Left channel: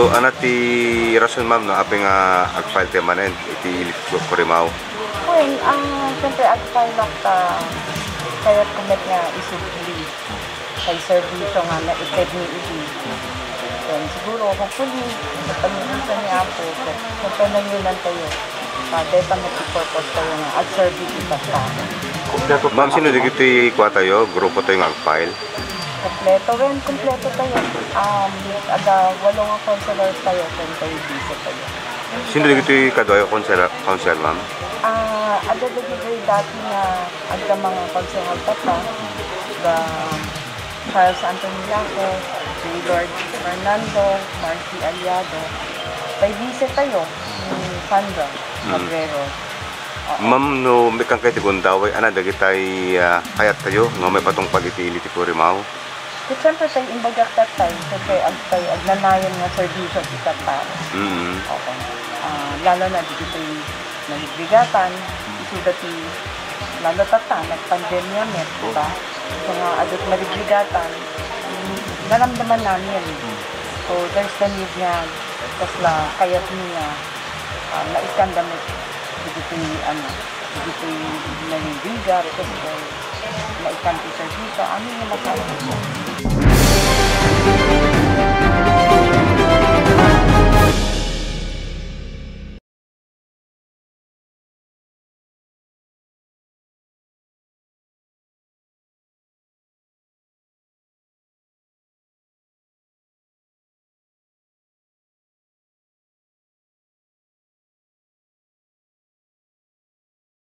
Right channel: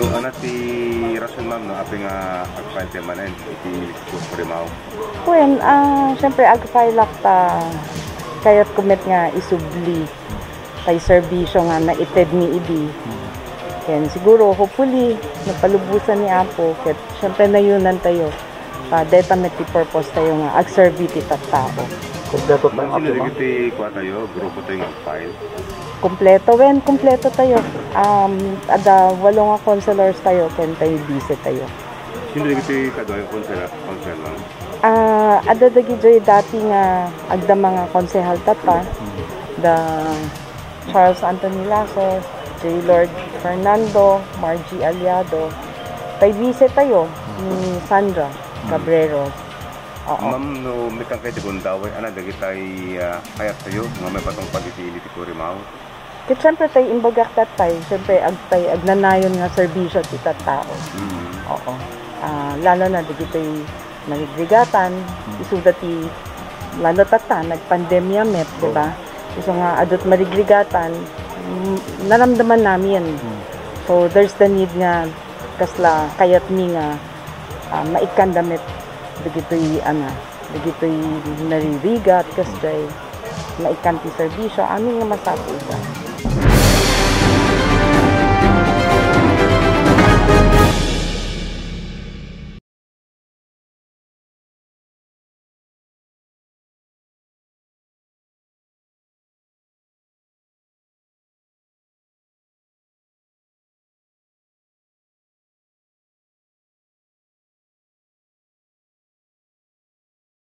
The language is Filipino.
So, anak ti rason ma'am no, apeng agfile ti manen, iti Kurimaw. Kuyan, syempre agpailak ta kayat kumet nga isubli kay serbisyo nga na ited ni Udi. Then siguro, hopefully, napalubusan ni ako. Kat syempre na yunan tayo. Deta may purpose tayo nga ag-serve iti tao. Ma'am, sino di kiti kuha tayo? Grupo tayo nga agfile? Kompleto tayo. Ada 8 nga counselors tayo, 10 vice tayo. Sino di kiti kadwayo council ma'am? Ada dagi dati nga agda mga konsehal tata, the Charles Anthony Lasso, si Lord Fernando, Margie Aliado, tay vice tayo ni Sandra Cabrero. Ma'am, no, may kang kayo tigundaway, ana, dagi tay kayat tayo, no, may patong pag-itili ti Kurimaw. At siyempre tayo imbagak tatay, siyempre agnanayon nga serbisyo ti tao. Oo. Lalo na dagi tayo naligrigatan, isuda ti lalo tata, nagpandemya met, diba? So nga adot marigligatan, naramdaman namin. So there's the need nga, kasla kayat niya, maikandamit digito'y digito'y naririgat kasi naikanti serbisyo amin nga matapos.